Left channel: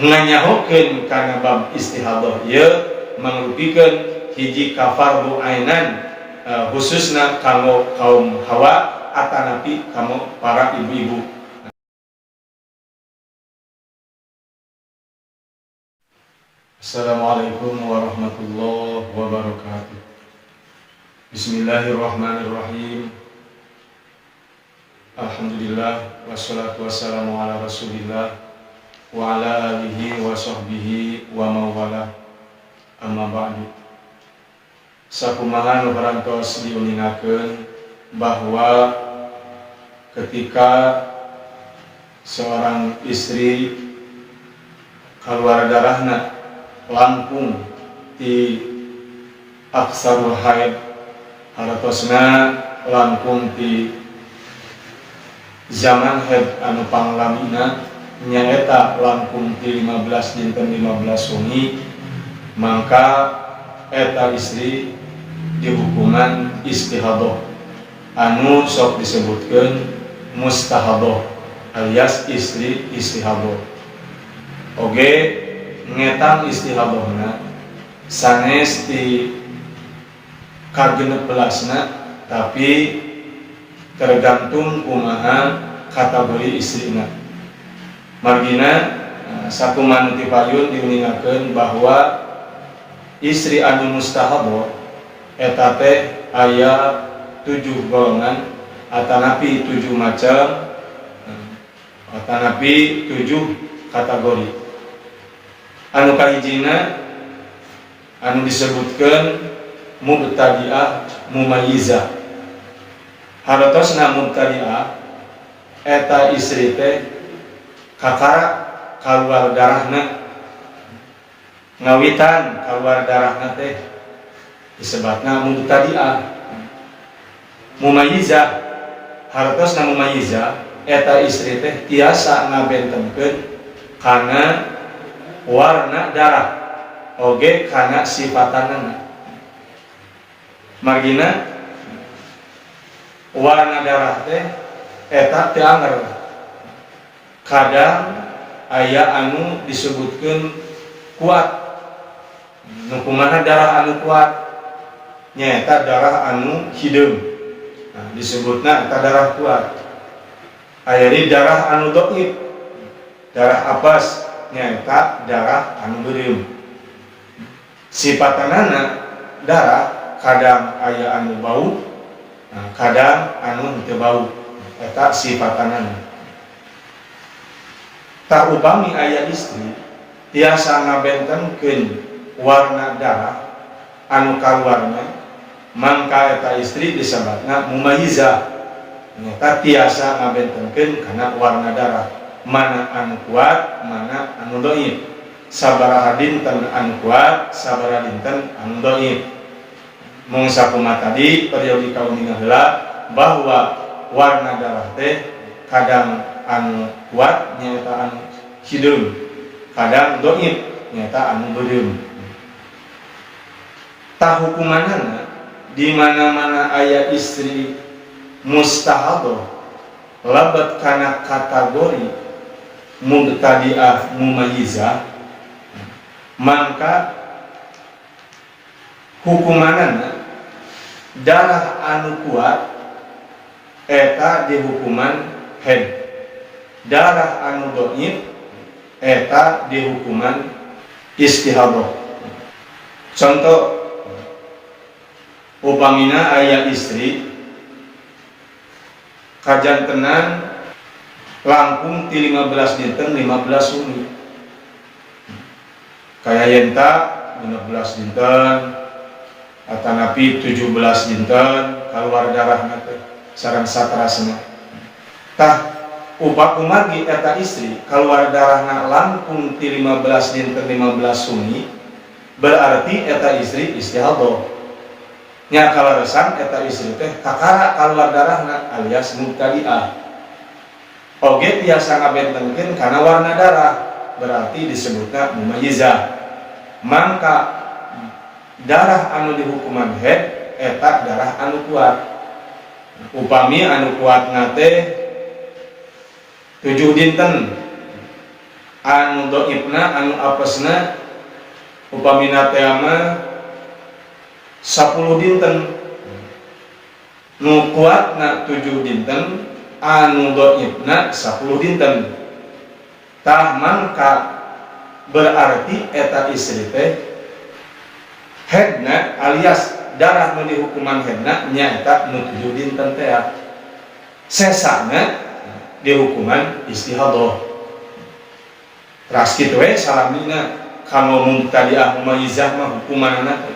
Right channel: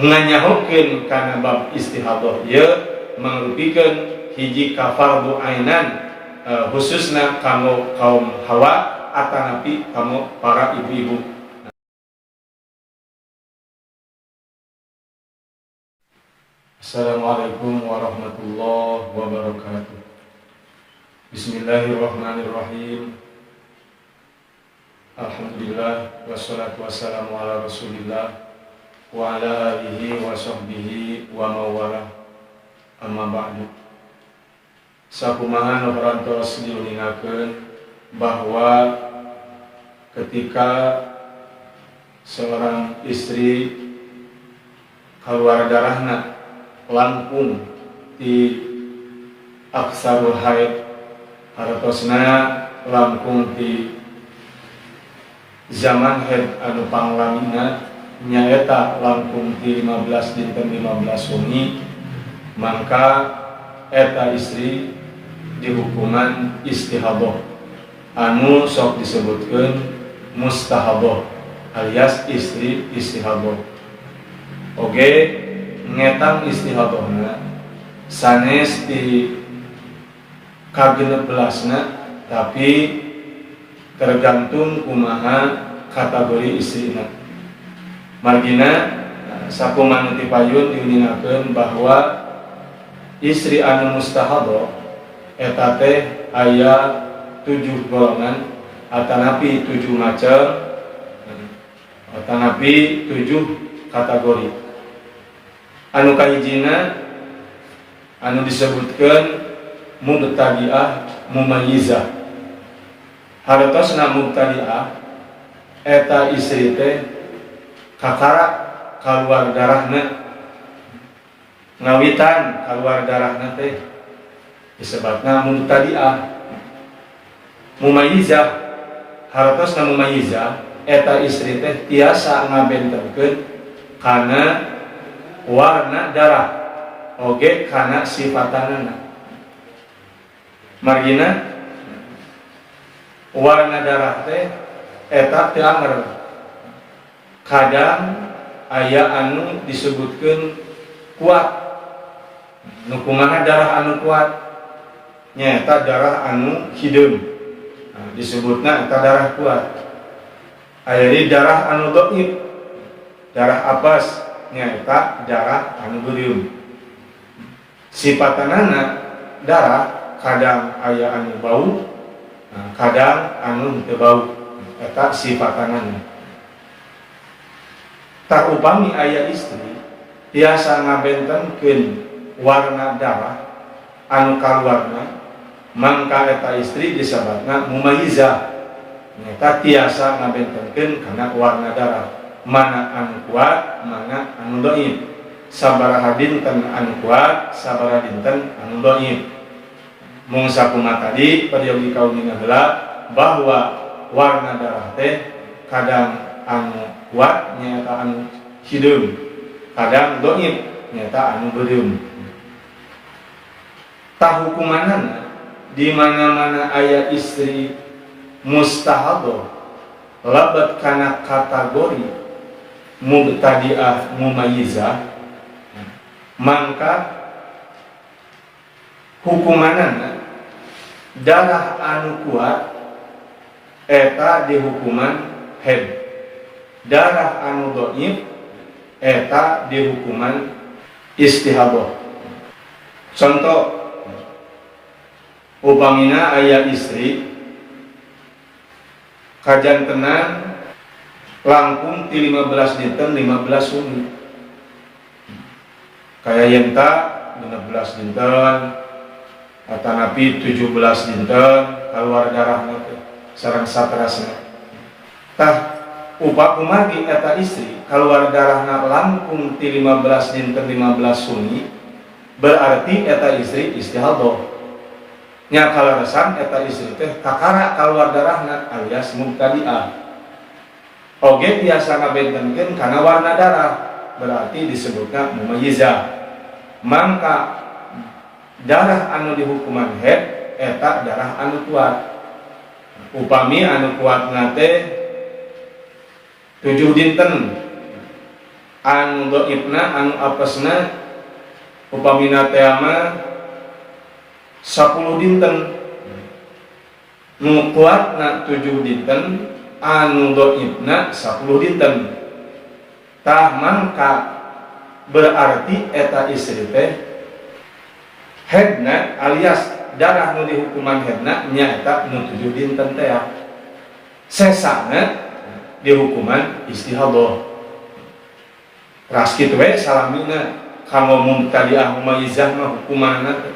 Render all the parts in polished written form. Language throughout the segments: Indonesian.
nganyahokeun kana bab istihadah ieu mangrupikeun hiji ka fardu ainan khususna kanggo kaum hawa atanapi kanggo para ibu-ibu. Assalamualaikum warahmatullahi wabarakatuh. Bismillahirrahmanirrahim. Alhamdulillah wassalatu wassalamu ala Rasulillah wa ala alihi wa sahbihi wa mawala. Amma ba'du. Sakumaha nu parantos diuningakeun bahwa ketika seorang istri kaluar darahna langkung di aksarul haid haratosna langkung di zaman haid anu panglamina nyaeta langkung di 15 dinten 15 wengi, maka eta istri dihukuman istihadah anu sok disebutkeun mustahadah alias istri istihadah. Oge ngetang istihadahna sanes di ka-16na, tapi tergantung kumaha kategori istrina. Margina sakumaha ti payun diuningakeun bahwa istri anu mustahadah eta teh aya 7 golongan atanapi 7 macam atanapi 7 kategori. Anu kahijina anu disebutkeun mubtadi'ah mumayyizah. Hartosna mubtadi'ah eta istri teh kakara kaluar darahna, ngawitan kaluar darahna teh disebutna mubtadi'ah. Mumayyizah, hartosna mumayyizah eta istri teh tiasa ngabentenkeun kana warna darah oge kana sifatanana. Margina warna darah teh eta teu anger. Kadang aya anu disebutkeun kuat. Nu kumaha darah anu kuat? Nyaeta darah anu hideum. Nah, disebutna eta darah kuat. Aya di darah anu dhaif. Darah apes nyaeta darah anu beureum. Sifatanana darah kadang aya anu bau, kadang anu teu bau. Eta sifatanana. Tah upami aya istri tiasa ngabentenkeun warna darah anu kaluarna, mangka eta istri disebutna mumayyizah. Nyata tiasa ngabentenkeun kana warna darah, mana anu kuat, mana anu dhaif. Sabaraha dinten anu kuat, sabaraha dinten anu dhaif. Mung sakumaha tadi peryogi kaunina heula bahwa warna darah teh kadang anu kuat nyaeta anu hideum, kadang dhaif nyaeta anu beureum. Tah hukumanana di mana-mana aya istri mustahadah labat kana kategori mubtadi'ah mumayyizah, mangka hukumanana darah anu kuat eta dihukuman haid, darah anu dhaif eta dihukuman istihadah. Contoh upamina aya istri kajantenan langkung ti 15 dinten 15 wengi, kaya yenta 16 dinten atanapi 17 dinten kaluar darahna teh sareng satrasna. Tah upakumargi eta istri kaluar darahna langkung ti 15 dinten 15 wengi, berarti eta istri istihadah. Nya kalaresan eta istri teh kakara kaluar darahna alias mubtadi'ah. Oge tiasa ngabentenkeun kana warna darah, berarti disebutna mumayyizah. Mangka darah anu dihukuman haid eta darah anu kuat. Upami anu kuatna teh 7 dinten anu dhaifna anu apesna upamina teh mah 10 dinten, nu kuatna 7 dinten, anu dhaifna 10 dinten. Tah mangka berarti eta istri teh hedna alias darah nu dihukuman hedna nyaeta nu 7 dinten teh. Sesana dihukuman istihadah. Ras kitu we salamina kanggo mubtadi'ah mumayyizah mah hukumanna teh.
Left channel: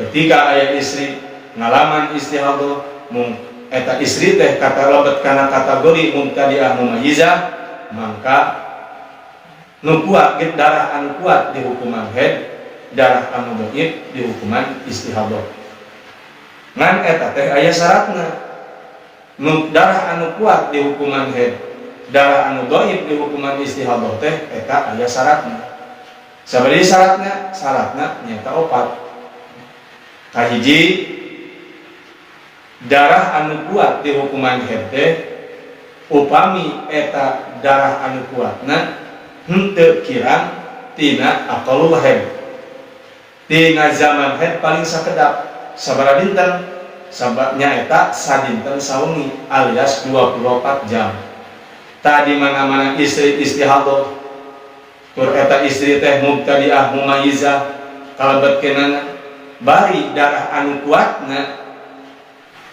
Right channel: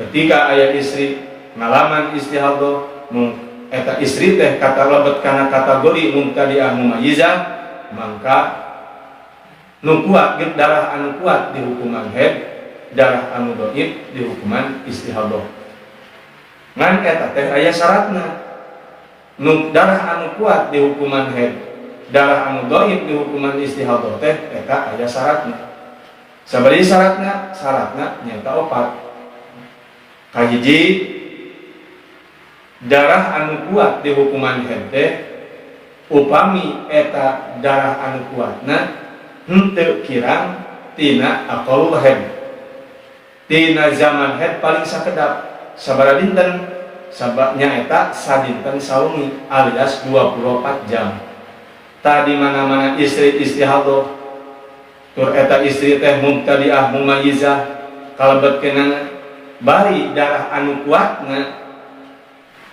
Ketika aya istri ngalaman istihadah mung eta istri teh kata lebet kana kategori mubtadi'ah mumayyizah, mangka nu kuat ge darah anu kuat di hukuman haid, darah anu dhaif di hukuman istihadah. Ngan eta teh aya syaratna. Nu darah anu kuat di hukuman haid, darah anu dhaif di hukuman istihadah teh eta aya syaratna. Sabari syaratna? Syaratna nyaeta 4. Kahiji, darah anu kuat di hukuman haid teh upami eta darah anu kuatna henteu kirang tina aqalul haid, tina zaman haid paling sakedap sabaraha dinten, sababnya eta sadinten sawengi alias 24 jam. Tak di mana-mana istri istihadah tur eta istri teh mubtadi'ah mumayyizah kalebetkeunana bari darah anu kuatna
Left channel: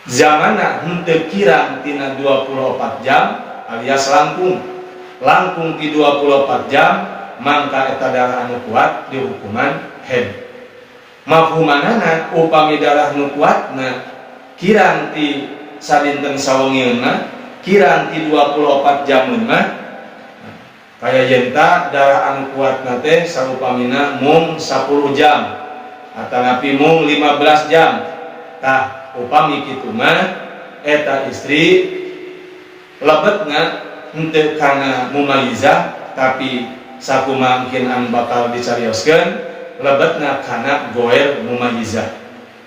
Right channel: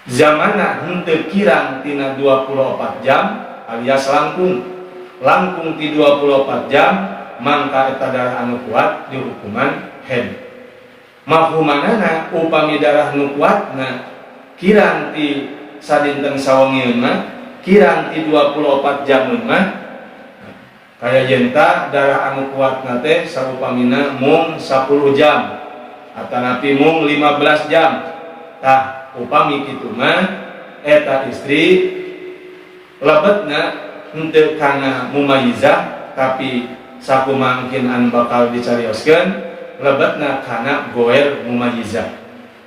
zamanna henteu kirang tina 24 jam alias langkung ti 24 jam, mangka eta darah anu kuat di hukuman haid. Mafhumanana upami darah nu kuatna kirang ti sadinten sawengian mah, kirang ti 24 jamun mah, kaya yenta darah anu kuatna teh sarupamina mung 10 jam atanapi mung 15 jam. Tah upami kitu mah eta istri lebetna henteu kana mumayyizah tapi sakumangkin anu bakal dicarioskeun lebetna kana goer mumayyizah.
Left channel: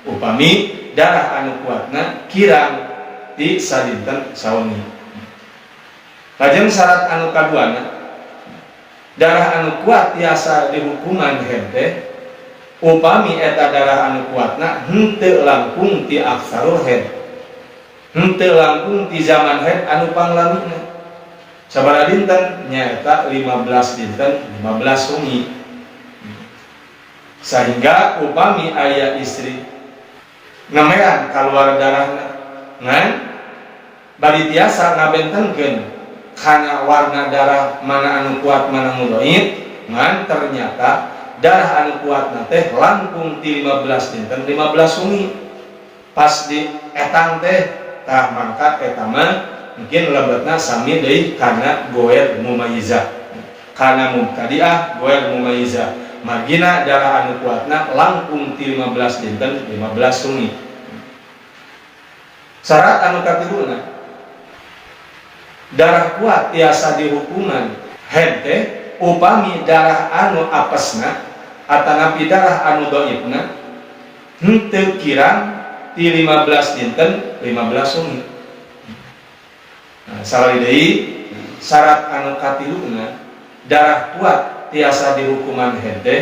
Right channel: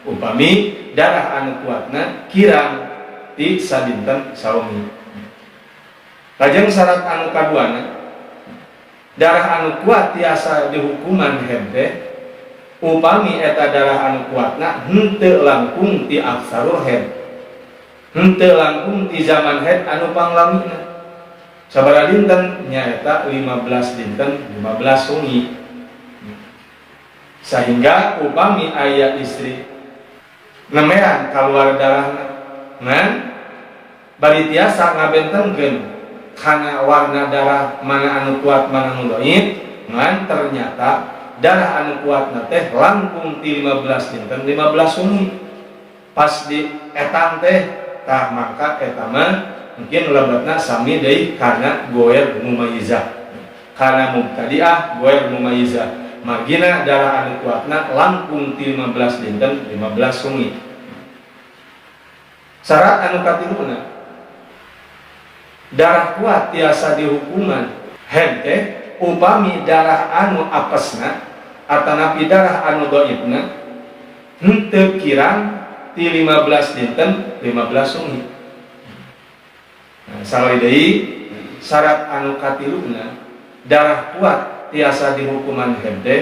Upami darah anu kuatna kirang ti sadinten sawengi. Lajeng syarat anu kaduana, darah anu kuat tiasa dihukuman haid teh upami eta darah anu kuatna henteu langkung ti aksarul haid, henteu langkung ti zaman haid anu panglamina. Sabaraha dinten nyaeta 15 dinten 15 wengi. Sehingga upami aya istri nemeran kaluar darahna ngan bari tiasa ngabentenkeun kana warna darah mana anu kuat mana anu dhaif, ngan ternyata darah anu kuatna teh langkung ti 15 dinten 15 wengi. Pas di etang teh tah mangka eta mah mungkin lebetna sami deui kana goer mumayyizah, kana mubtadi'ah goer mumayyizah. Margina darah anu kuatna langkung ti 15 dinten 15 wengi. Syarat anu katiluna, darah kuat tiasa dihukuman haid teh upami darah anu apesna atanapi darah anu dhaifna henteu kirang ti 15 dinten 15 wengi. Nah, salari deui syarat anu katiluna, darah kuat tiasa dihukuman haid teh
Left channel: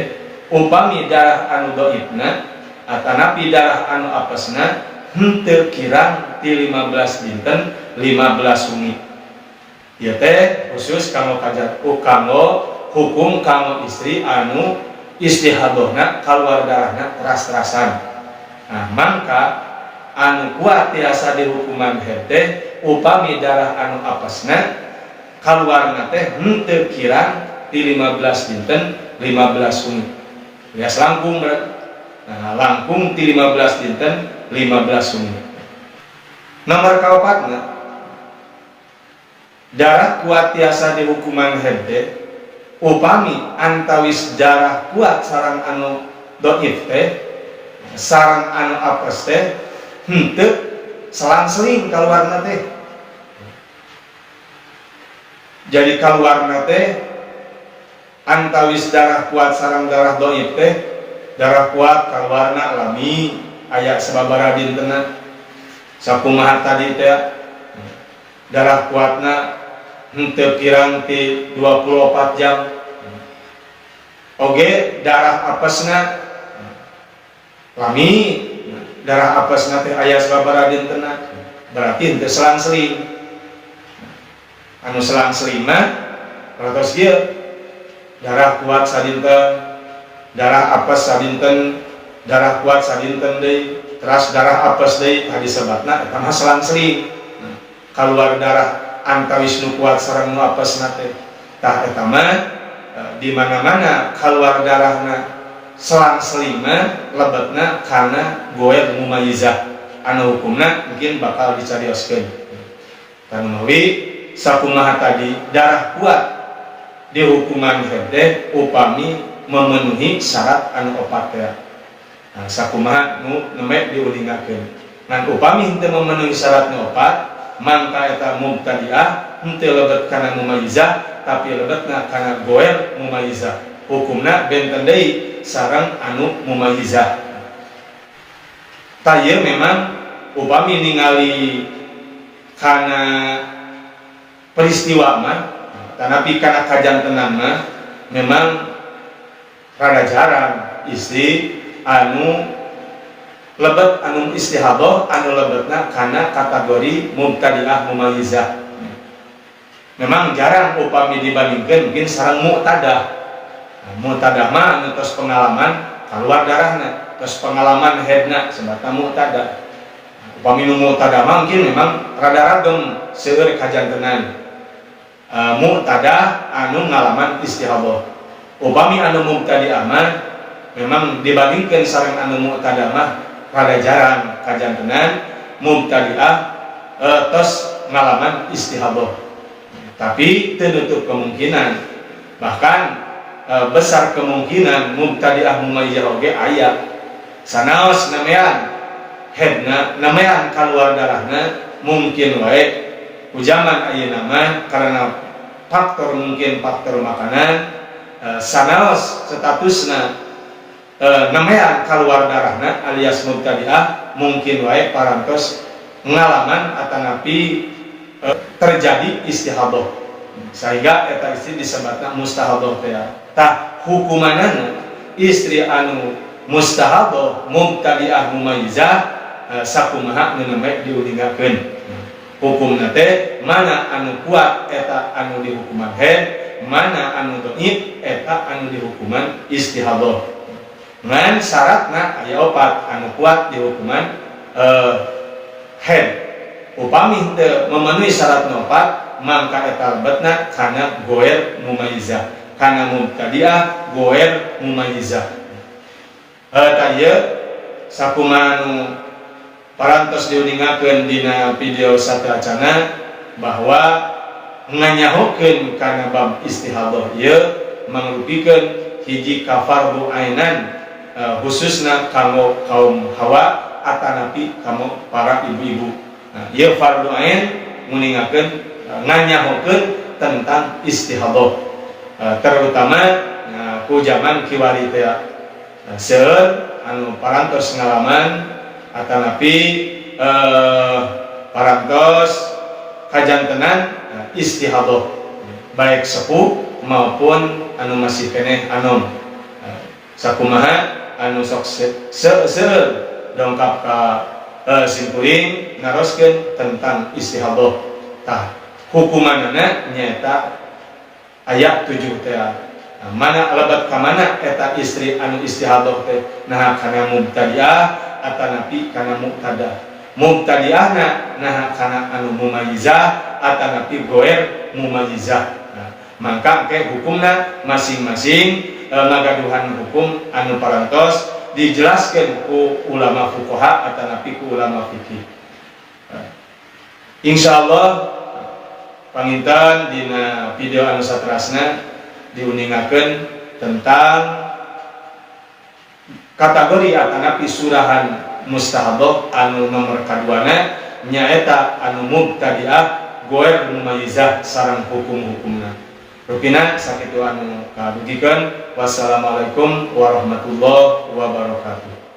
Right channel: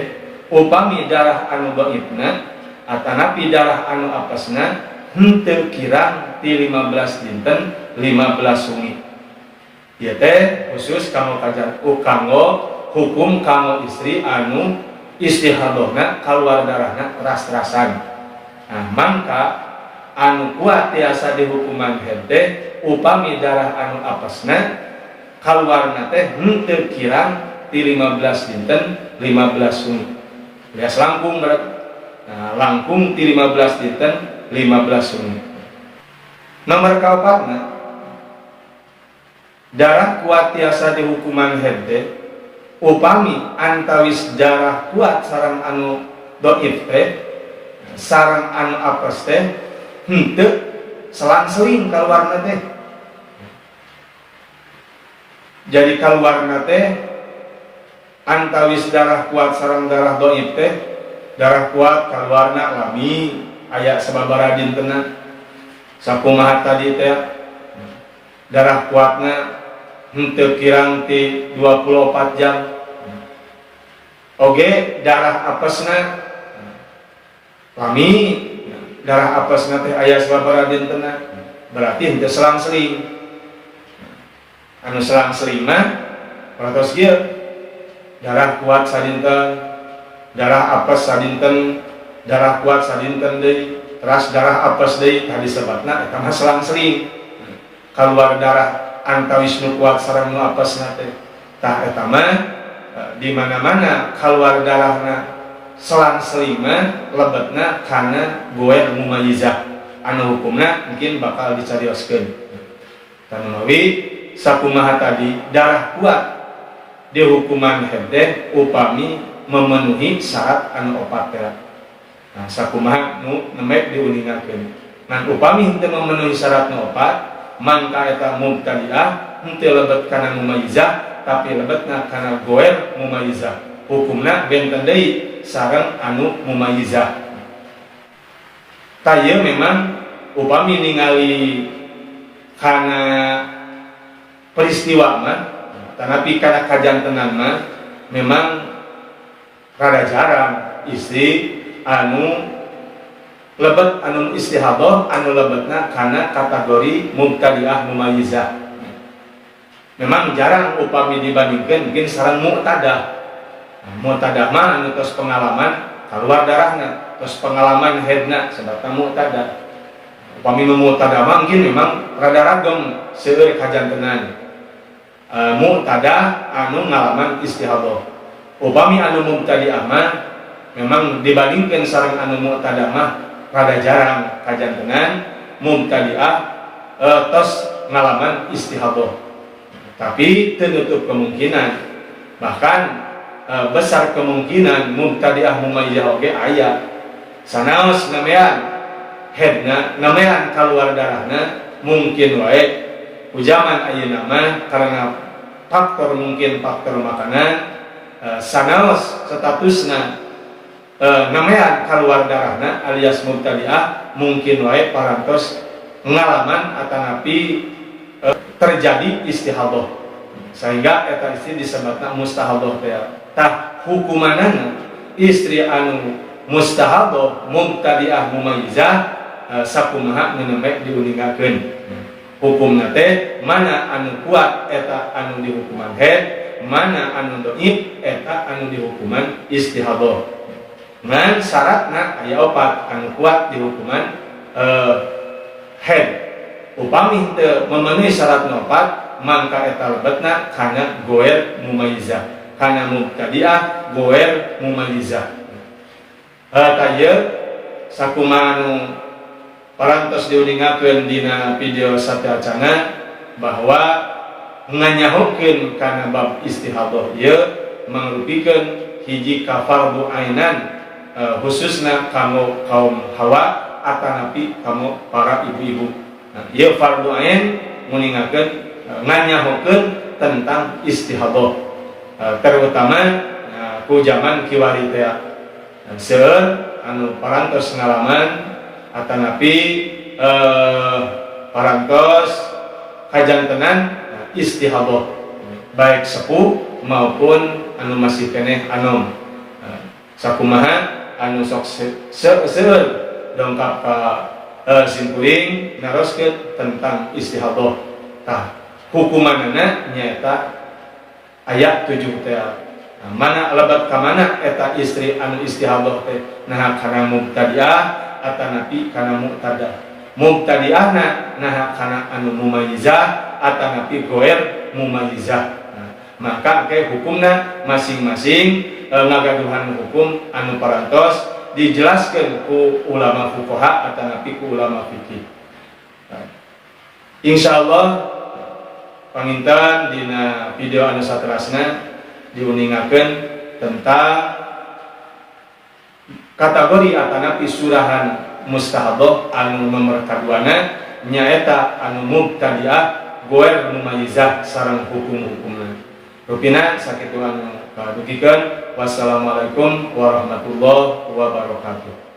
upami darah anu dhaifna atanapi darah anu apesna henteu kirang ti 15 dinten 15 wengi. Ieu teh khusus kanggo kanggo hukum kanggo istri anu istihadahna kaluar darahna ras-rasan. Nah, mangka anu kuat tiasa dihukuman haid teh upami darah anu apesna kaluarna teh henteu kirang ti 15 dinten 15 wengi. Alias langkung berarti. Nah, langkung ti 15 dinten 15 wengi. Nomor kaopatna, darah kuat tiasa dihukuman haid teh upami antawis darah kuat sareng anu dhaif teh sareng anu apes teh henteu selang-seling kaluarna teh. Jadi kaluarna teh antawis darah kuat sareng darah dhaif teh, darah kuat kaluarna lami aya sababaraha dintenna sakumaha tadi teh darah kuatna henteu kirang ti 24 jam oge darah apesna lami, darah apesna teh aya sababaraha dintenna berarti henteu selang-seling. Anu selang-seling mah parantos kieu darah kuat sadinten, darah apes sadinten, darah kuat sadinten deui, teras darah apes deui tadi sebabna eta mah selang-seling. Kaluar darah antawis nu kuat sareng nu apesna teh tah eta mah di mana-mana kaluar darahna selang-seling mah lebetna kana goer mumayyizah anu hukumna mungkin bakal dicarioskeun. Tanu mawi sakumaha tadi darah kuat di hukuman haid teh upami memenuhi syarat anu opat teh. Nah, sakumaha nu nemek diulingakeun. Ngan upami henteu memenuhi syarat nu opat, mangka eta mubtadi'ah henteu lebet kana mumayyizah tapi lebetna kana goer mumayyizah. Hukumna benten deui sareng anu mumayyizah. Taya memang upami ningali kana peristiwa mah tanapi kana kajantenan mah memang rada jarang istri anu lebet anu istihadah anu lebetna kana kategori mubtadi'ah mumayyizah. Memang jarang upami dibandingkeun mungkin sareng mu'tadah. Mu'tadah mah anu tos pengalaman kaluar darahna, tos pengalaman haidna sebabna mu'tadah. Upami nu mu'tadah mah mungkin memang rada ragem seueur kajantenan. Mu'tadah anu ngalaman istihadah. Upami anu mubtadi'ah mah memang dibandingkeun sareng anu mu'tadah mah rada jarang kajantenan mubtadi'ah tos ngalaman istihadah. Tapi teu nutup kemungkinan bahkan besar kemungkinan mubtadi'ah mumayyizah oge aya. Sanaos namean haidna namean kaluar darahna mungkin wae ujaman ayeuna mah karena faktor mungkin faktor makanan sanaos statusna namean kaluar darahna alias mubtadi'ah mungkin wae parantos ngalaman atanapi terjadi istihadah sehingga eta istri disebutna mustahadah teh. Tah hukumanana istri anu mustahadah mubtadi'ah mumayyizah sakumaha nemek diulingakeun. Hukumna teh mana anu kuat eta anu di hukuman haid, mana anu dhaif eta anu di hukuman istihadah. Ngan syaratna aya opat anu kuat di hukuman haid. Upami henteu memenuhi syarat opat mangka eta lebetna kana goer mumayyizah, kana mubtadi'ah goer mumayyizah. Taya sakumaha anu parantos diuningakeun dina video sateacana bahwa nganyahokeun kana bab istihadah ieu mangrupikeun hiji ka fardhu ainan khususna kanggo kaum hawa atanapi kanggo para ibu-ibu. Ieu fardhu ain nguningakeun nganyahokeun tentang istihadah terutama ku zaman kiwari teh seueur anu parantos ngalaman atanapi parantos kajantenan istihadah baik sepuh maupun anu masih keneh anom. Sakumaha anu sok seueur dongkap ka simpuring naroskeun tentang istihadah. Tah hukumanana nyaeta ayat 7 teh. Mana lebat ka mana eta istri anu istihadah teh? Nah kana mubtadi'ah atanapi kana mu'tadah. Mubtadi'ahna nah kana anu mumayyizah atanapi goer mumayyizah. Maka ke hukumna masing-masing ngagaduhan hukum anu parantos dijelaskan ku ulama fuqaha atanapi ku ulama fikih. Insyaallah panginten dina video anu saterasna diuningakeun tentang kategori atanapi surahan mustahadah anu nomor kaduana nyaeta anu mubtadi'ah goer mumayyizah sareng hukum-hukumna. Rupina sakitu anu kadugikeun. Wassalamualaikum warahmatullahi wabarakatuh.